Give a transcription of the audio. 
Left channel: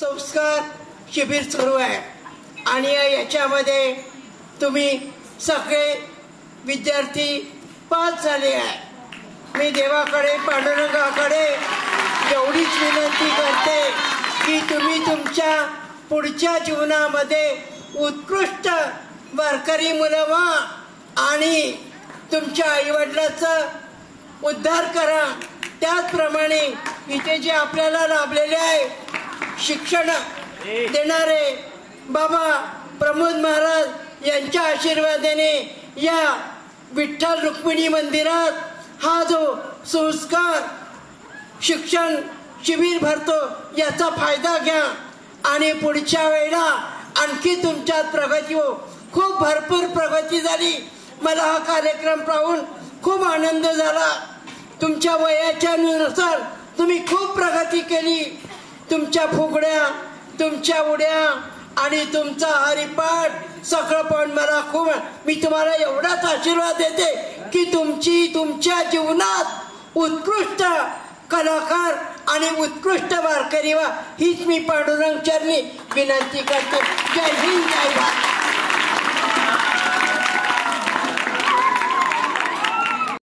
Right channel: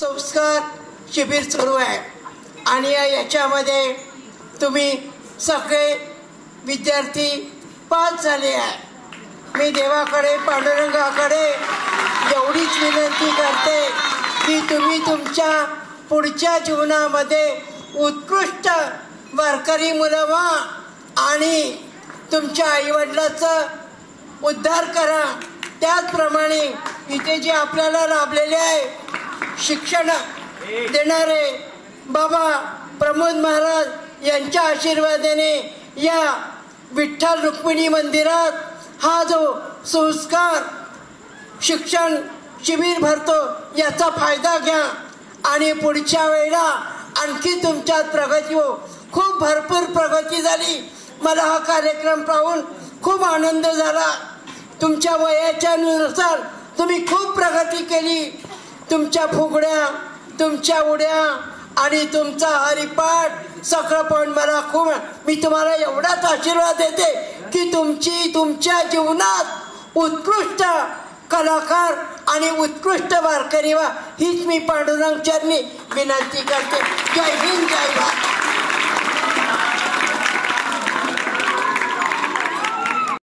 संस्कार शिबिर सुरू आहे आणि याच्यामध्ये तुम्ही सगळे विद्यार्थी पास झाले आहे. मी देवाकडे पांडुरंगाकडे एवढीच विनंती करते की तुम्ही तुमच्या पुढच्या जीवनामध्ये उत्कृष्ट वारकरी मुलं व्हा आणि तुमच्या आईवडिलाचा उद्धार करा. त्याचप्रमाणे इथे जे आपल्याला लाभलेले आहे शिक्षण देणारे बाबा प्रमोद महाराज यांच्या आशीर्वादाने या विठ्ठल रुक्मिणी मंदिरात हा जो संस्कार शिक्षण शिबिर भरतो याचा फायदा घ्या आणि पुढच्या वेळेला आणखी तुमच्यात प्रगती हो. खूप भरपूर प्रगती झाली. मला हा कार्यक्रम पाहून खूप आनंद झाला. तुमच्या वयाच्या नुसार तुम्ही खूप प्रगती केली. तुमच्या फुगड्या, तुमच्या उड्या आणि तुमचा हरिपाठ सगळं पण मला खूप. मी तुम्हाला एवढाच आशीर्वाद देते की तुमच्या जीवनात उत्कृष्ट कलाकार आणि उत्कृष्ट वारकरी व्हा हीच मी पांडुरंग चरणी विनंती करते. जय